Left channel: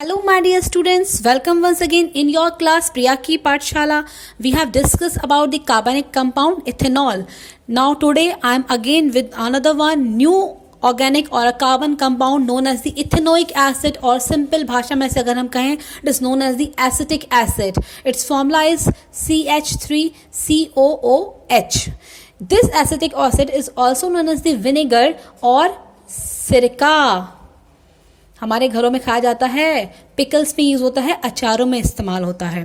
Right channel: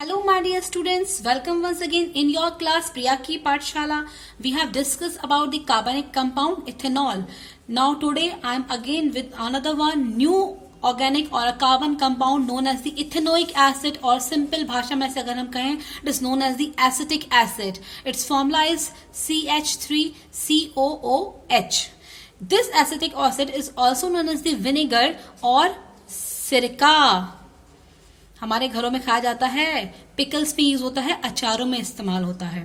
Hello my dear students, welcome once again in your class Priya ki Paathshala. We have discussed about the carbonic compound ethanol. Now today I am again with another one new organic or a carbon compound known as the ethanoic acid, or simple भाषा में से अगर हम कहें it is known as the acetic acid. Its formula is CH3COOH. This acetic acid is also known as the vinegar or सिरका. हमारे घरों में खाया जाता है, पिकल्स में यूज होता है, अचारों में इस्तेमाल होता है.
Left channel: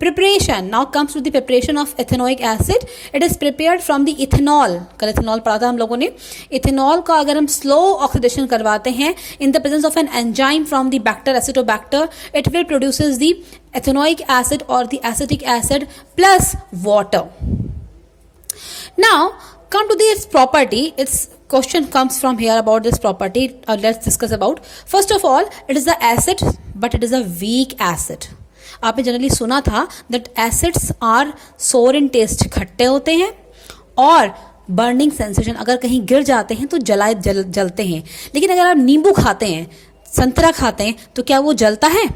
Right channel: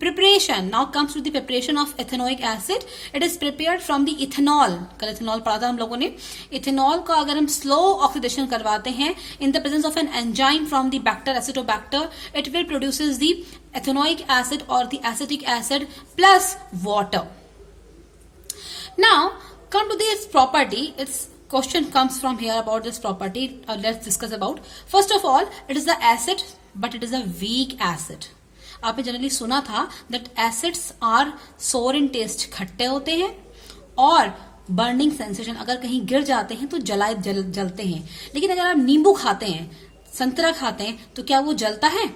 Preparation now comes to the preparation of ethanoic acid. It is prepared from the ethanol. कल इथेनॉल पढ़ा था हम लोगों ने. इथेनॉल का अगर हम स्लो ऑक्सीडेशन करवाते हैं in the presence of an enzyme from the bacteria Acetobacter, it will produces the ethanoic acid और the acetic acid plus water. Now come to this property. Its question comes from here about this property. Let's discuss about. First of all, it is the acid, but it is a weak acid. आपने generally सुना था that acids are sour in taste, खट्टे होते हैं और burning sensation, अगर कहीं गिर जाते हैं तो जलते हैं. लेकिन अगर आप नींबू खाते हैं, संतरा खाते हैं, तो क्या वो जलता है?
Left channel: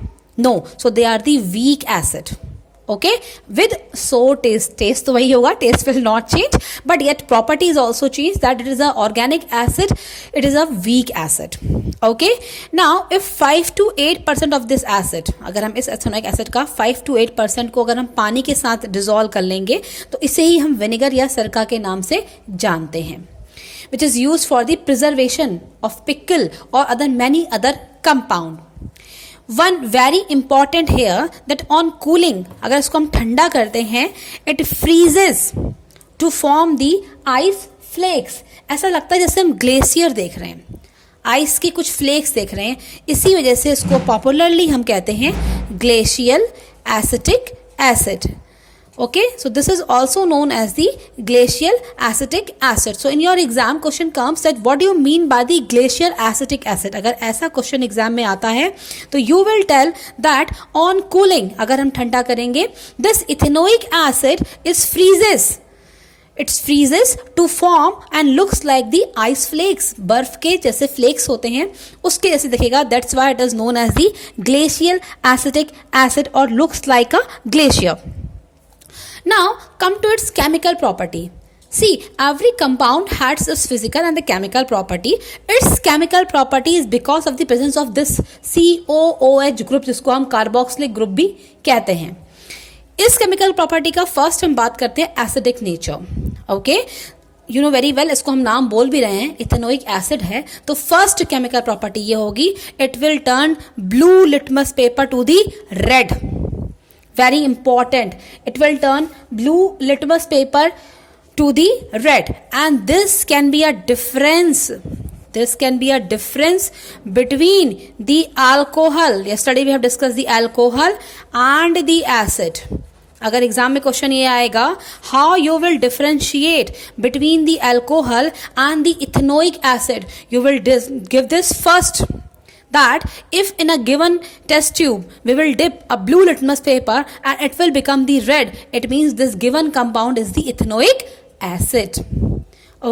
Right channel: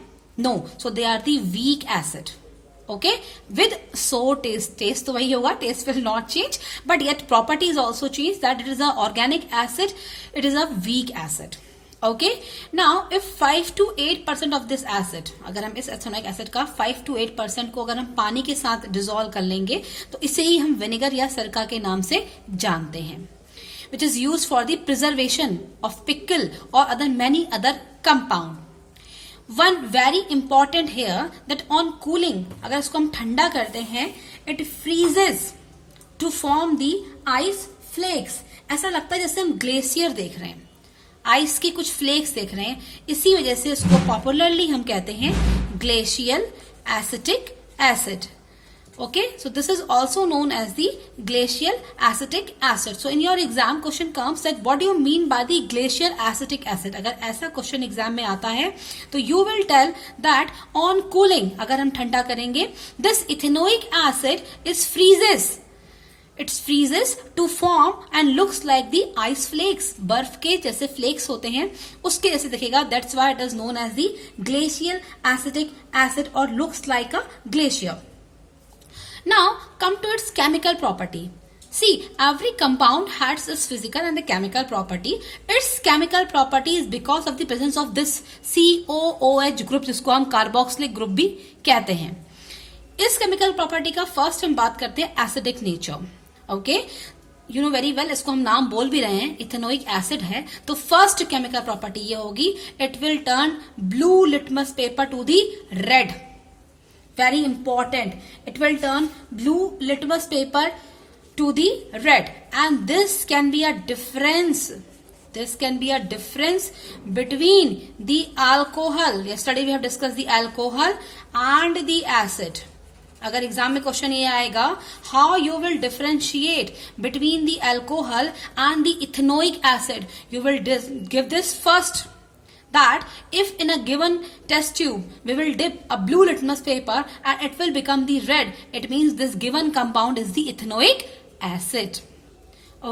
No. So they are the weak acid. Okay, with sour taste तो वही होगा, taste will not change, but yet properties also change, that it is a organic acid, it is a weak acid. Okay, now if 5 to 8% of this acid, अगर हम इस ethanoic acid का 5 to 8% को अगर हम पानी के साथ डिसॉल्व कर लेंगे तो इसे ही हम विनेगर या सिरका के नाम से जानते हैं, which is used for the preservation of pickle or many other compound. One very important here that on cooling, अगर इसको हम ठंडा करते हैं, it freezes to form the ice flakes. ऐसा लगता है जैसे हम ग्लेशियर देख रहे हैं, आइस के कुछ फ्लेक्स देख रहे हैं. इसी वजह से इसको पॉपुलरली हम कहते हैं glacial acetic acid. Okay, so this is also known as the glacial acetic acid. So in your exam question comes that what do you mean by the glacial acetic acid? अगर ऐसा question exam में आता है तो you will tell that on cooling, अगर हम ठंडा करेंगे, this ethanoic acid is freezes. It freezes to form and looks like the ice flakes. बर्फ के जैसे फ्लेक्स होते हैं उसके जैसे दिखेगा. That's why it is known as the glacial acetic acid or looks like a glacier. Now come to its chemical property. See, every compound has its physical and the chemical property. Its chemical property is because of the presence of this COOH group, जिसको हम carboxylic group भी कहते हैं. इस chemical property का first हम बात करते हैं acidic nature. Okay, you know very well, इसको हम नाम बोल भी रहे हैं, इथेनोइक एसिड है, तो फर्स्ट केमिकल प्रॉपर्टी ये होगी, it will turn blue litmus paper to the red. Very important, it will turn blue litmus paper to the red, and this can be a difference between the alcohol. Yesterday we have discussed the alcohol and the acid. अगर exam में question ये आएगा, how you will differentiate between the alcohol and the ethanoic acid, you will give this first, that if in a given test tube we will dip a blue litmus paper and it will become the red, it means this given compound is the ethanoic acid.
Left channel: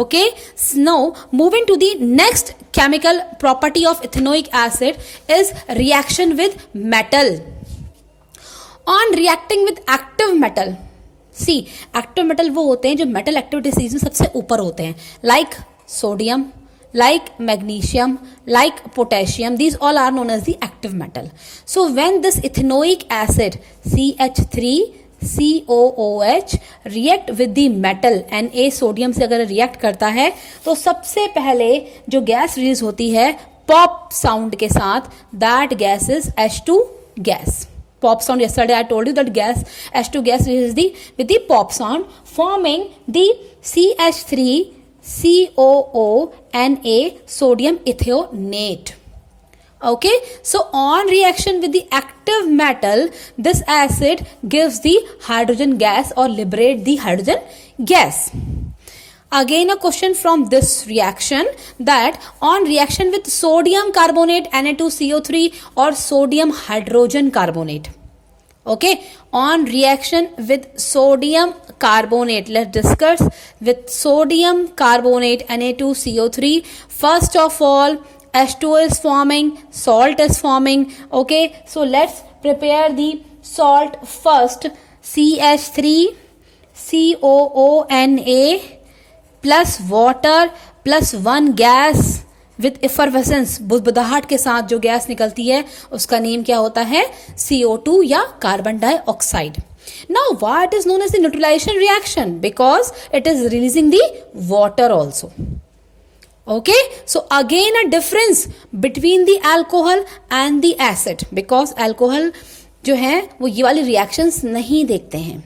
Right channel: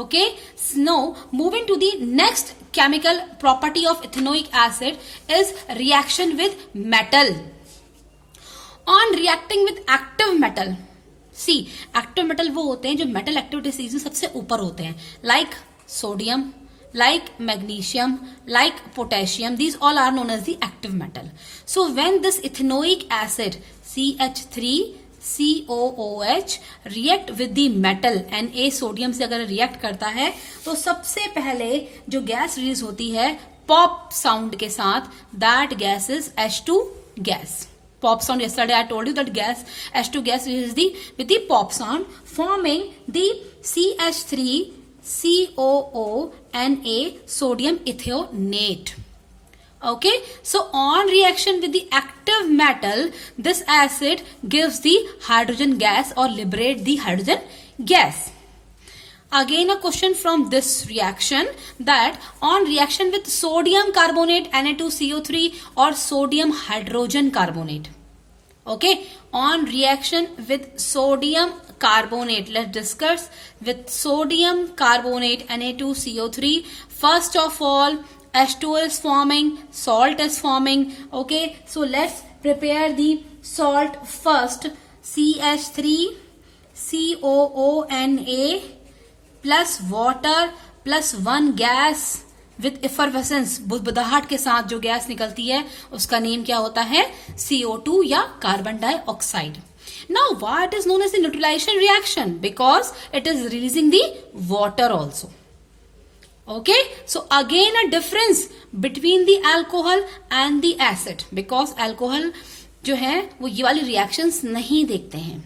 Okay, so now moving to the next chemical property of ethanoic acid is reaction with metal. On reacting with active metal, see, active metal वो होते हैं जो metal activity में सबसे ऊपर होते हैं, like sodium, like magnesium, like potassium. These all are known as the active metal. So when this ethanoic acid CH3COOH react with the metal Na, sodium से अगर रिएक्ट करता है तो सबसे पहले जो गैस रिलीज होती है पॉप साउंड के साथ, that gas is H2 gas. Pop sound, yesterday I told you that gas H2 gas is with the pop sound forming the CH3COONA sodium ethionate. Okay, so on reaction with the active metal, this acid gives the hydrogen gas or liberate the hydrogen gas. Again a question from this reaction, that on reaction with sodium carbonate Na2CO3 or sodium hydrogen carbonate. Okay, on reaction with sodium carbonate, let's discuss with sodium carbonate Na2CO3. First of all, H2O is forming, salt is forming. Okay, so let's prepare the salt first. CH3COONA plus water plus one gas with effervescence, बुदबुदाहट के साथ जो gas निकलती है उसका name क्या होता है? CO2 या carbon dioxide. Now why it is known as the neutralization reaction? Because it is releasing the water also. Okay, so again a difference between the alcohol and the acid, because alcohol जो है वो ये वाली reactions नहीं देखते हैं,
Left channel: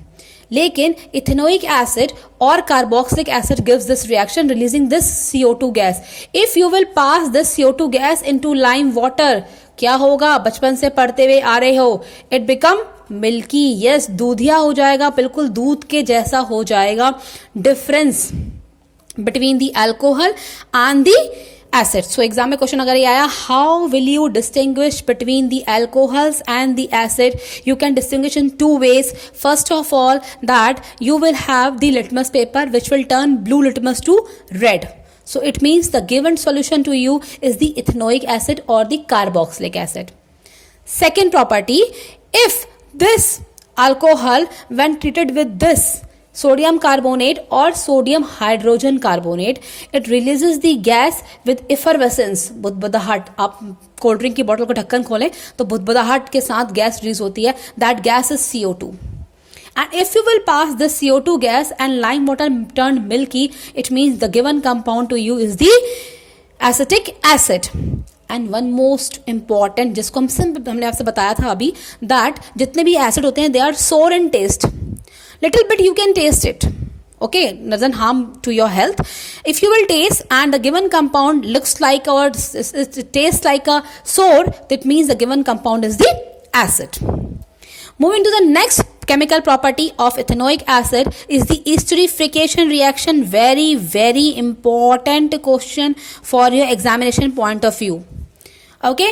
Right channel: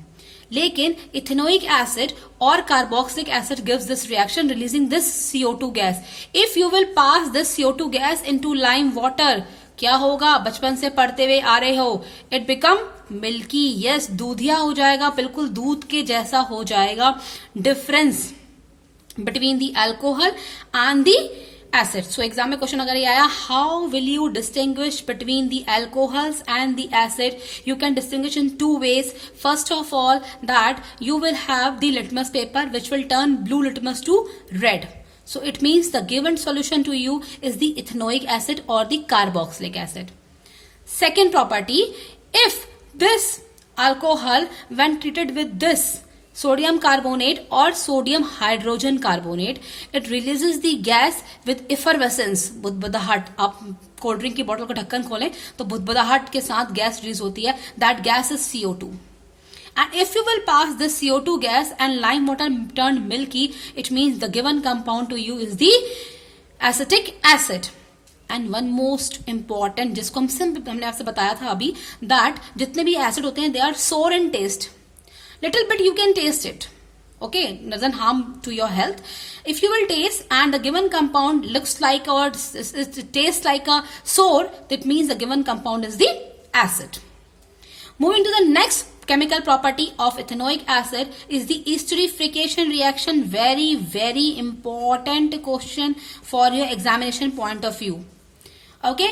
लेकिन ethanoic acid और carboxylic acid gives this reaction releasing this CO2 gas. If you will pass this CO2 gas into lime water, क्या होगा? बचपन से पढ़ते हुए आ रहे हो, इट बिकम मिल्की. यस, दूधिया हो जाएगा, बिल्कुल दूध के जैसा हो जाएगा. Difference between the alcohol and the acid. So exam में क्वेश्चन अगर ये आया, how will you distinguish between the alcohols and the acid? You can distinguish in two ways. First of all, that you will have the litmus paper which will turn blue litmus to red. So it means the given solution to you is the ethanoic acid or the carboxylic acid. Second property, if this alcohol when treated with this sodium carbonate or sodium hydrogen carbonate, it releases the gas with effervescence, बुदबुदाहट. आप cold drink की बोतल का ढक्कन खोलें तो बुदबुदाहट के साथ gas release होती है. That gas is CO2. And if you will pass the CO2 gas and lime water turned milky, it means the given compound to you is the acetic acid. And one most important, जिसको हमने आपसे बताया था अभी, that जितने भी acid होते हैं they are sour in taste. Little bit you can taste it. Okay, doesn't harm to your health. If you will taste and the given compound looks like or it tastes like a sour, that means the given compound is the acid. Moving to the next chemical property of ethanoic acid is the esterification reaction. Very, very important question for your examination point of view. Okay,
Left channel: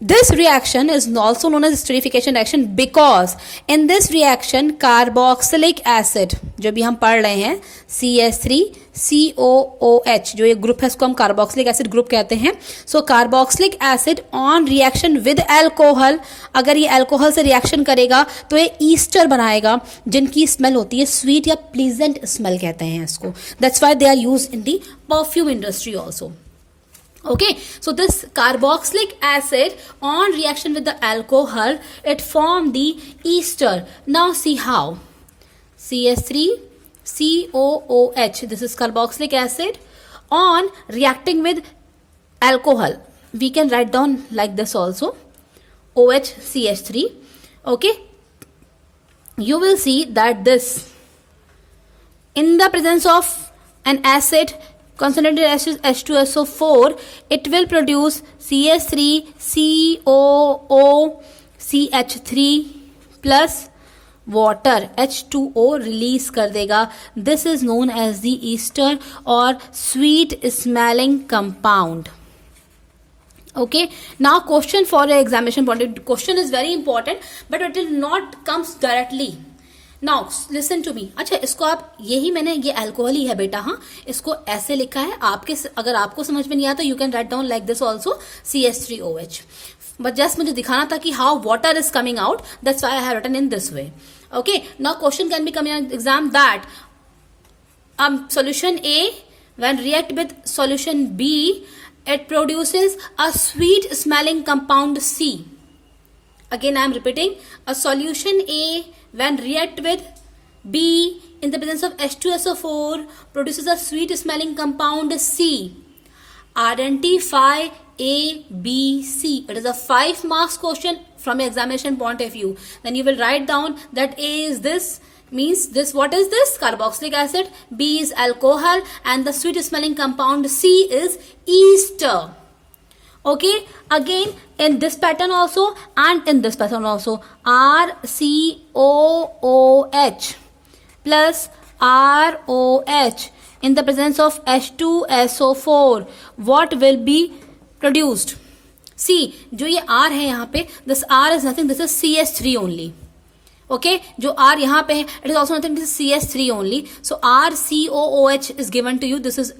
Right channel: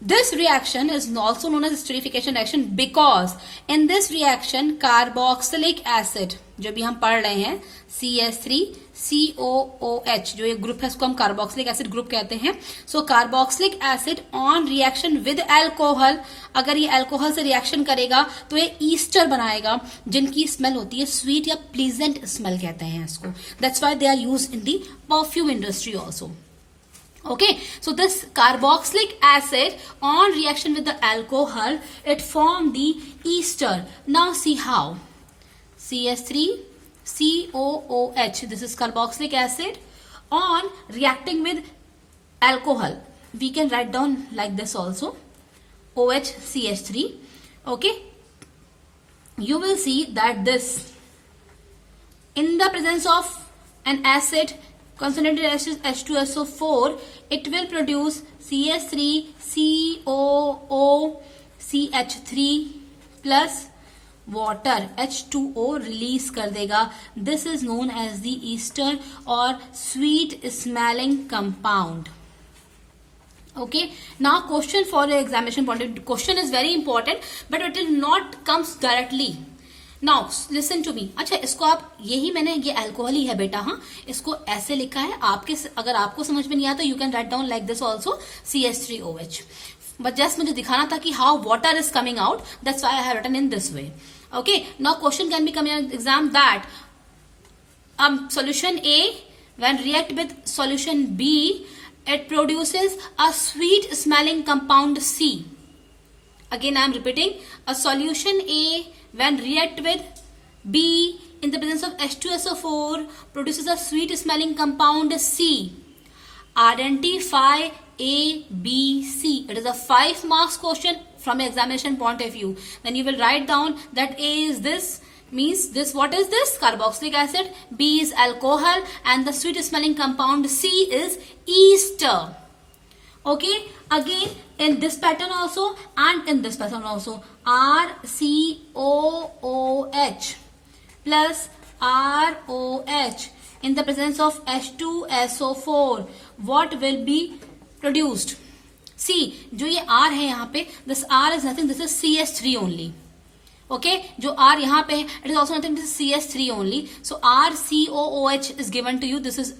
this reaction is also known as esterification reaction because in this reaction carboxylic acid जो भी हम पढ़ रहे हैं CH3COOH जो ये group है इसको हम कार्बोक्सिलिक एसिड ग्रुप कहते हैं. So carboxylic acid on reaction with alcohol, अगर ये अल्कोहल से रिएक्शन करेगा तो ये ईस्टर बनाएगा जिनकी स्मेल होती है स्वीट या प्लीजेंट स्मेल कहते हैं इसको. That's why they are used in the perfume industry also. Okay, so this carboxylic acid on reaction with the alcohol, it form the ester. Now see how. CH3COOH, this is carboxylic acid on reacting with alcohol. We can write down like this also, OHCH3. Okay, you will see that this in the presence of an acid concentrated acid H2SO4, it will produce CH3COOCH3 plus water H2O release कर देगा. This is known as the ester or sweet smelling compound. Okay, now question for your examination point of view. Question is very important but it will not comes directly. Now listen to me. अच्छा, इसको आप यही मैंने ये alcohol ही है बेटा, हाँ इसको ऐसे लिखा है. आपके अगर आपको समझ में नहीं आता you can write down like this also CH3OH. But just मुझे दिखाना था कि how water is coming out, that's why I have written in this way. Okay, now question can be coming in exam that solution A when react with solution B it produces a sweet smelling compound C. Again I am repeating, a solution A when react with B in the presence of H2SO4 produces a sweet smelling compound C. Identify A, B, C. It is a 5 marks question from examination point of view. Then you will write down that A is this, means this, what is this? Carboxylic acid. B is alcohol and the sweet smelling compound C is ester. Okay, again in this pattern also and in this pattern also, RCOOH plus ROH in the presence of H2SO4, what will be produced? See, जो ये R है यहाँ पे, this R is nothing, this is CH3 only. Okay, जो R यहाँ पे है, it is also nothing, this is CS3 only. So RCOOH is given to you. This is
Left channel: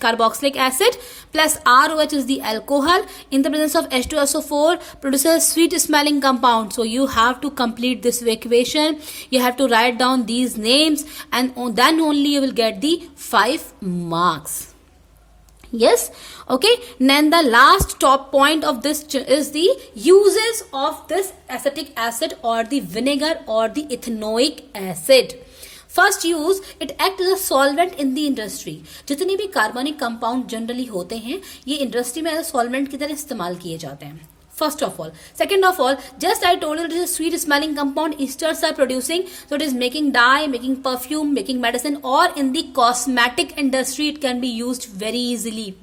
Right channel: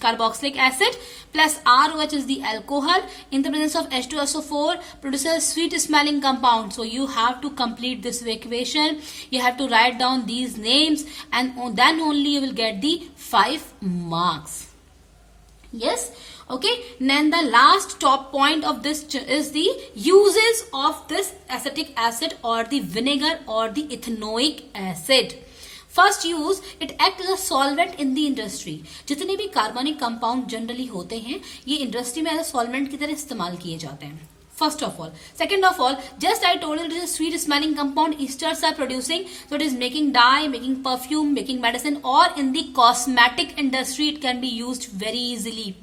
carboxylic acid plus ROH is the alcohol. In the presence of H2SO4 produces sweet smelling compound. So you have to complete this equation. You have to write down these names, and then only you will get the 5 marks. Yes. Okay, then the last top point of this is the uses of this acetic acid or the vinegar or the ethanoic acid. First use, it acts as a solvent in the industry. जितने भी कार्बनिक compound generally होते हैं ये industry में as solvent की तरह इस्तेमाल किए जाते हैं. First of all. Second of all, just I told you it is a sweet smelling compound esters are producing. So it is making dye, making perfume, making medicine, or in the cosmetic industry it can be used very easily.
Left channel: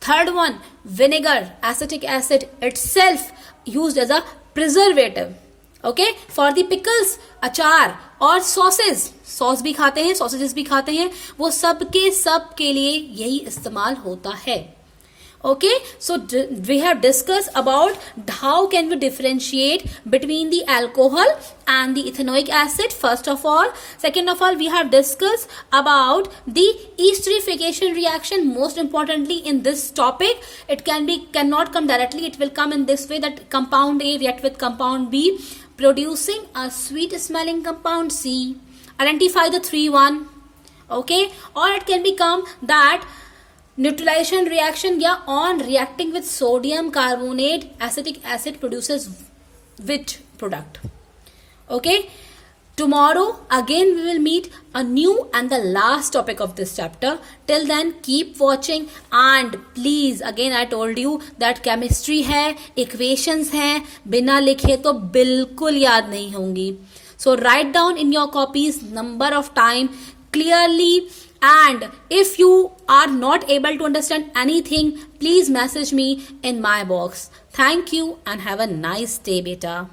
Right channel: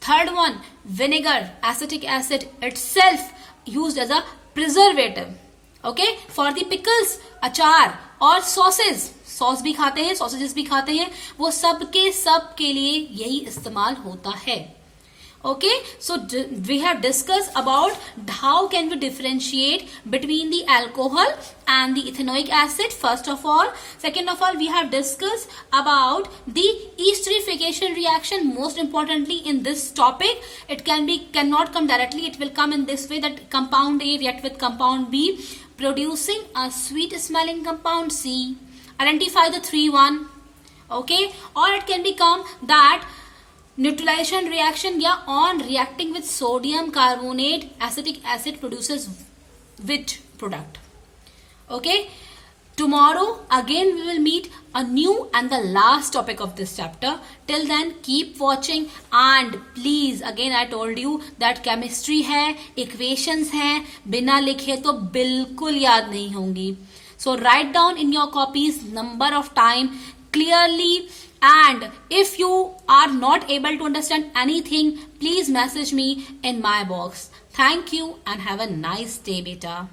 Third one, vinegar, acetic acid itself used as a preservative. Okay, for the pickles, अचार और sauces, sauce भी खाते हैं, sausages भी खाते हैं, वो सब के लिए यही इस्तेमाल होता है. Okay, so we have discussed about how can we differentiate between the alcohol and the ethanoic acid first of all. Second of all, we have discussed about the esterification reaction. Most importantly in this topic, it cannot come directly. It will come in this way, that compound A react with compound B, producing a sweet smelling compound C. Identify the 3-1. Okay, or it can become that neutralization reaction, या on reacting with sodium carbonate acetic acid produces which product. Okay, tomorrow again we will meet a new and the last topic of this chapter. Till then keep watching, and please, again I told you that chemistry है, equations हैं, बिना लिखे तो बिल्कुल याद नहीं होंगी. So write down in your copies number of time clearly. And if you are not able to understand anything, please message me in my box. Thank you and have a nice day, beta.